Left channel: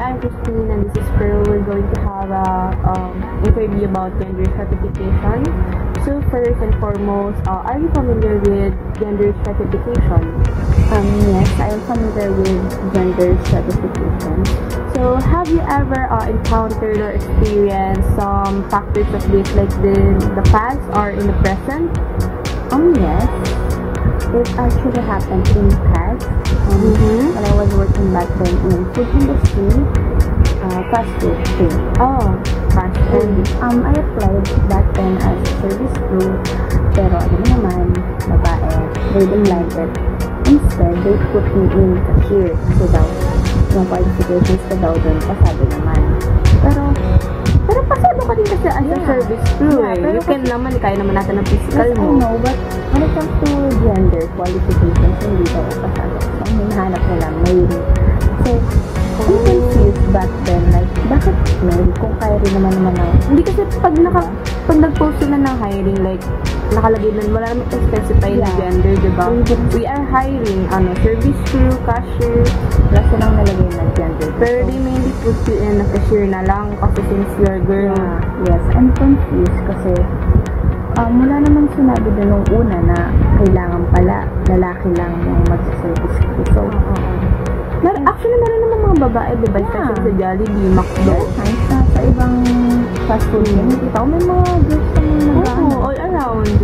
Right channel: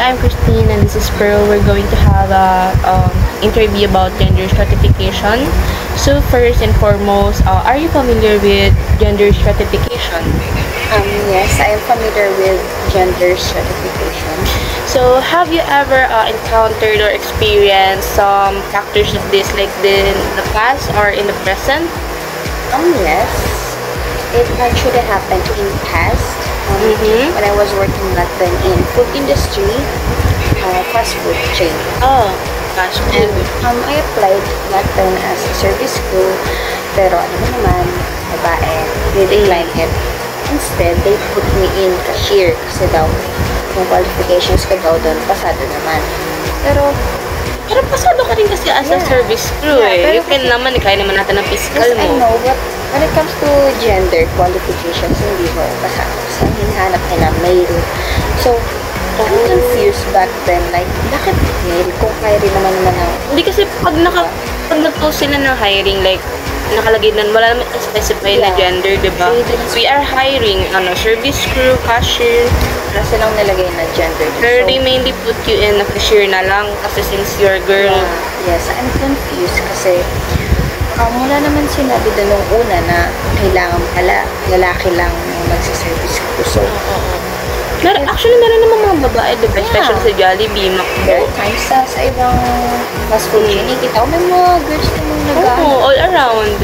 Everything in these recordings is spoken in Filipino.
I'm Christine and this is Pearl. We're going to have a interview about gender stratification. So first and foremost, are you familiar with gender stratification? Yes, I am familiar with gender stratification. So have you ever encountered or experienced some factors of this like in the past or in the present? Yes. It actually happened in past. When I was working back then in food industry, fast food chain. Oh, fast food. And I applied back then as a service crew, pero alam mo naman, babae, they declined it. Instead, they put me in cashier kasi daw, yung qualifications ko daw doon, pasado naman. Pero pasado ka rin kasi as a service crew You can naman, kaya naman natin ang physical mo. Yes, I know, but when it comes to gender qualifications, hindi ko pasado. So, hinahanap nila male. So, I'm confused back then, like, bakit male? Kung kaya rin naman ang... Hindi kasi pag nag-post sila ng hiring, like, nakalagay nun, wala naman specify na gender, diba? We are hiring, service crew, cashier. Wala silang nilagay na gender. Pero they mainly put you in a cashier na lang kasi since you're a girl. Yeah. Yes, I'm confused kasi wala naman sinabi doon nung una na kailangan pala lalaki lang yung magsa-service crew. So, actually, meron naman mga babae, diba? Especially sa Jollibee, McDo. There are times sa ibang fast food chain, kita ko may mga girls namang nag-ano. all around.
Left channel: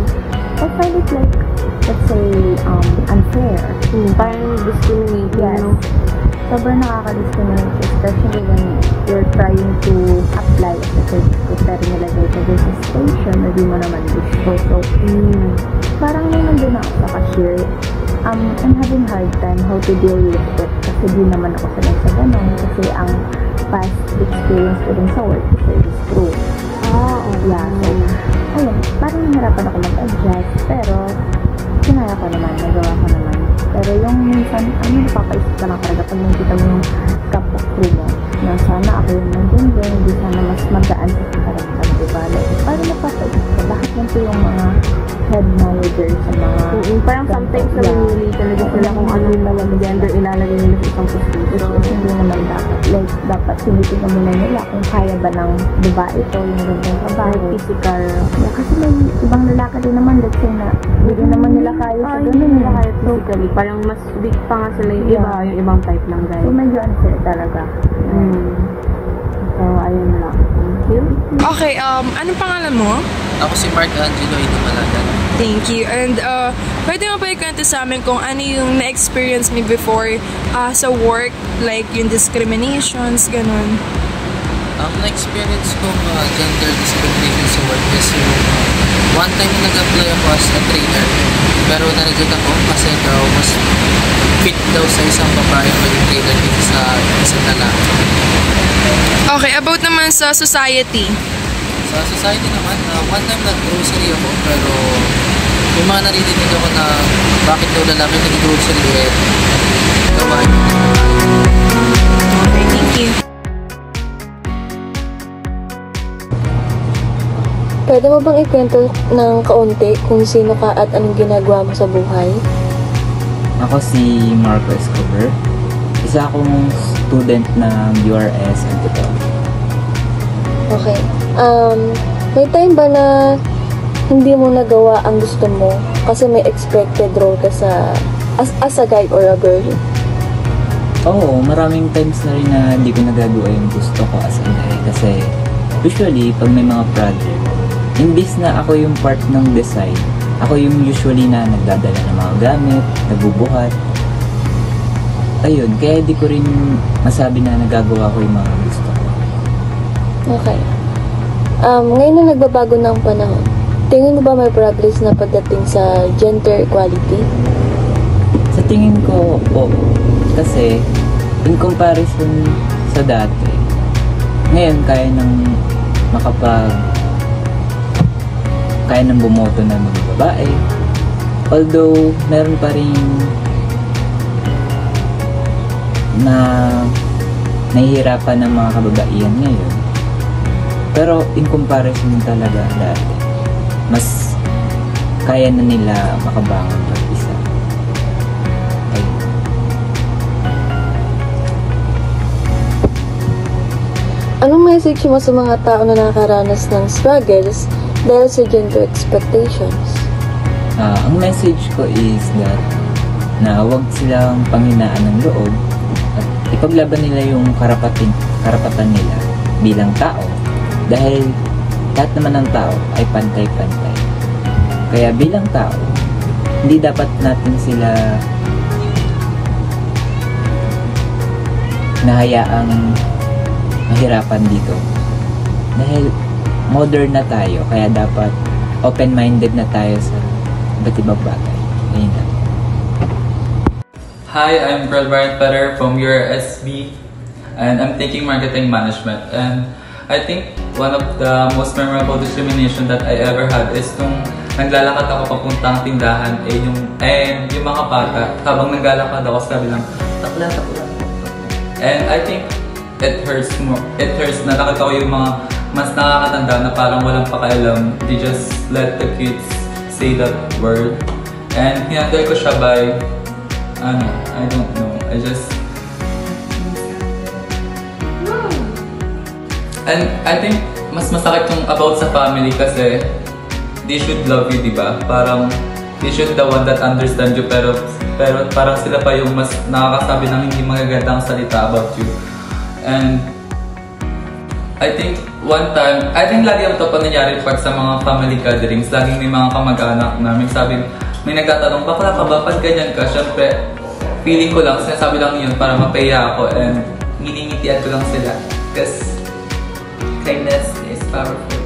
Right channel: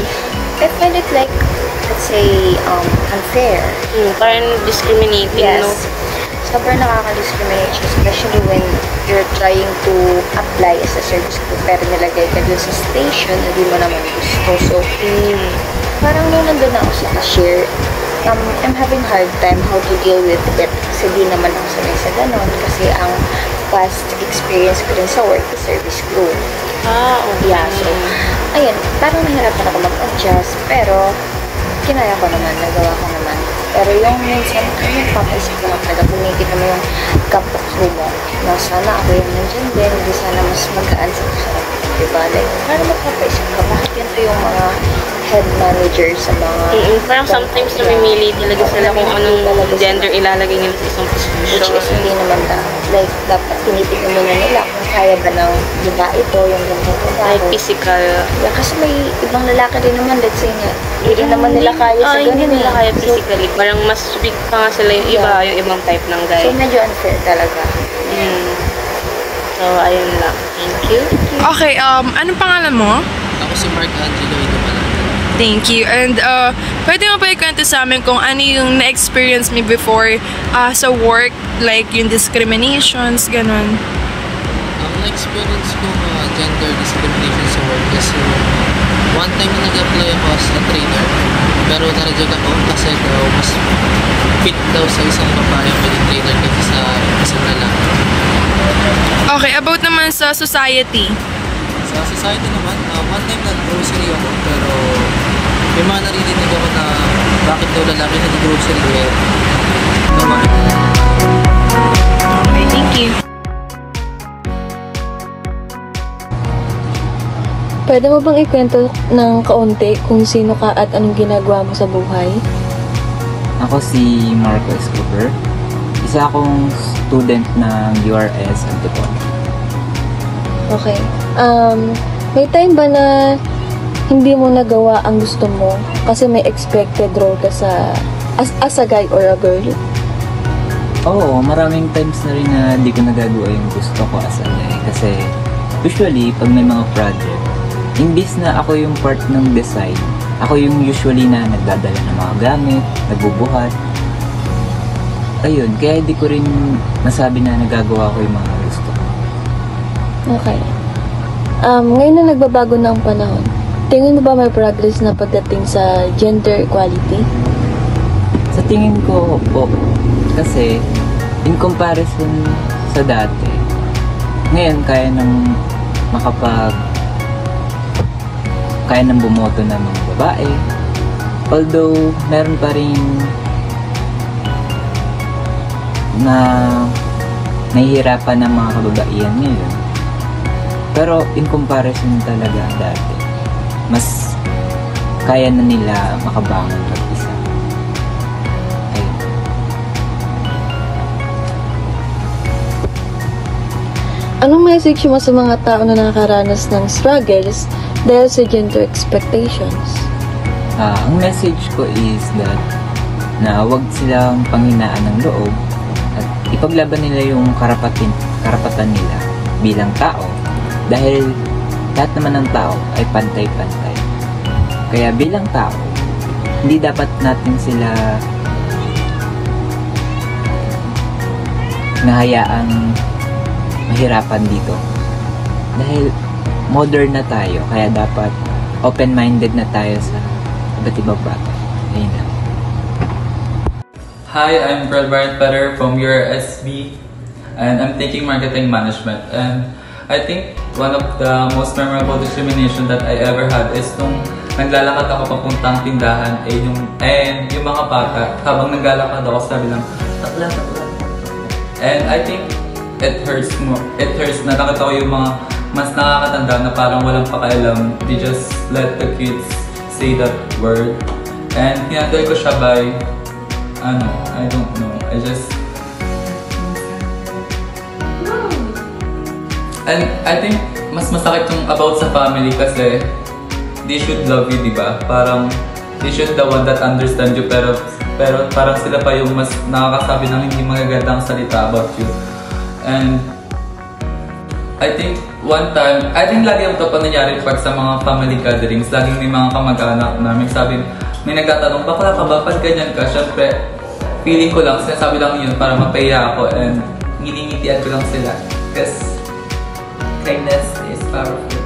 I find it like, let's say, unfair. Parang discriminating, yes. No? Sobrang nakaka-discriminate, especially when you're trying to apply as a service crew, pero nilagay ka dun sa station na di mo naman gusto. So, parang nung nandun ako sa cashier, I'm having hard time how to deal with it kasi di naman ako sanay sa ganon kasi ang past experience ko din sa work is service crew. Okay. Yeah, so, ayun, parang nahirapan ako mag-adjust pero kinaya ko naman, nagawa ko naman. Pero yung minsan, papaisip ko lang talaga kung nakikita mo yung kapwa crew mo na sana ako yung nandyan din, hindi sana mas magaan sa pakiramdam, diba? Like, parang mapapaisip ka, bakit ganito yung mga head manager sa mga... Parang sometimes namimili talaga sila kung anong gender ilalagay nila sa isang position. Which is hindi naman dapat. Like, dapat tinitignan muna nila kung kaya ba ng, diba, ito, yung ganitong trabaho. Like physical. Yeah, kasi may ibang lalaki din naman, let's say na, hindi rin naman nila kaya sa ganun. Hindi nila kaya physically. Parang mas big pa nga sila yung iba, yung ibang type ng guy. So, medyo unfair talaga. So, ayun lang. Thank you. Okay, anong pangalan mo? Ako si Mark Angelo Idumalagan. Thank you. And pwede mo ba ikwento sa amin kung ano yung na-experience me before sa work, like yung discriminations, ganun? Ang na-experience ko gender discrimination sa work is yung one time na nag-apply ako as a trainer, pero na-reject ako kasi daw mas fit daw sa isang babae ang maging trainer kaysa sa isang lalaki. Okay, about naman sa society. Sa society naman, one time nag-grocery ako, pero may mga naririnig ako na bakit daw lalaki nag-grocery gawa. Okay, thank you. Pwede mo bang ikwento ng kaunti kung sino ka at anong ginagawa mo sa buhay? Ako si Marco Escobar. Isa akong student ng URS Antipolo. Okay. May time ba na hindi mo nagawa ang gusto mo kasi may expected role ka sa as a guy or a girl? Oo, maraming times na rin na hindi ko nagagawa yung gusto ko as a guy kasi usually pag may mga project, imbis na ako yung part ng design, ako yung usually na nagdadala ng mga gamit, nagbubuhat. Ayun, kaya di ko rin masabi na nagagawa ko yung mga gusto ko. Okay. Ngayon na nagbabago na ang panahon, tingin mo ba may progress na pagdating sa gender equality? Sa tingin ko, po. Kasi, in comparison sa dati, ngayon kaya nang bumoto ng mga babae. Although, meron pa rin na nahihirapan ng mga kababaihan ngayon. Pero in comparison talaga dati, mas kaya na nila makabangon mag-isa. Ayun. Anong message mo sa mga tao na nakakaranas ng struggles dahil sa gender expectations? Ang message ko is that na huwag silang panghinaan ng loob at ipaglaban nila yung karapatan nila bilang tao dahil lahat naman ng tao ay pantay-pantay. Kaya bilang tao, hindi dapat natin sila nahayaang mahirapan dito. Dahil modern na tayo, kaya dapat open-minded na tayo sa iba't ibang bagay. Ayun lang. Hi, I'm Pearl Bryant Petter from URSB and I'm taking marketing management. And I think one of the most memorable discrimination that I ever had is nung naglalakad ako papuntang tindahan yung mga bata habang naglalakad ako sabi lang takla. And I think it hurts na nakita ko yung mga mas nakakatanda na parang walang pakialam. They just let the kids say that word. And hinandle ko siya by I don't know. And I think mas masakit yung about sa family kasi they should love you, diba? Parang they should the one that understand you pero parang sila pa yung mas nakakasabi ng hindi magagandang salita about you. And I think lagi ito pa nangyari pag sa mga family gatherings, laging may mga kamag-anak na may nagtatanong, bakla ka ba? Pag ganyan ka, syempre, feeling ko lang, sinasabi lang yun para mapaya ako and nginingitian ko lang sila. Because kindness is powerful.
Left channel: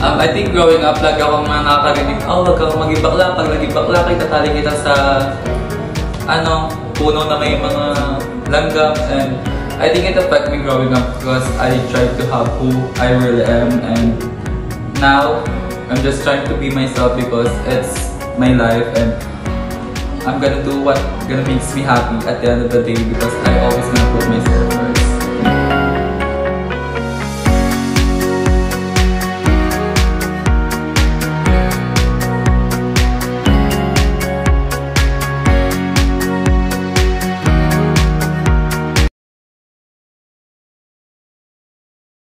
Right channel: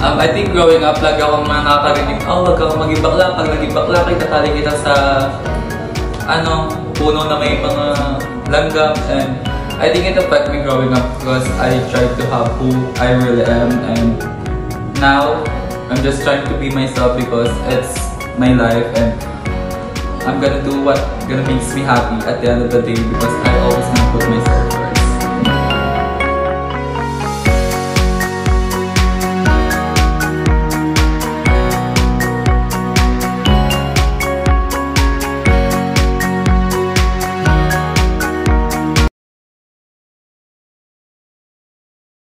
I think growing up, lagi akong nakakarinig, wag kang maging bakla. Pag naging bakla, tatali kita sa puno na may mga langgam. And I think it affected me growing up because I tried to have who I really am. And now, I'm just trying to be myself because it's my life and I'm gonna do what makes me happy at the end of the day because I always gonna put myself first.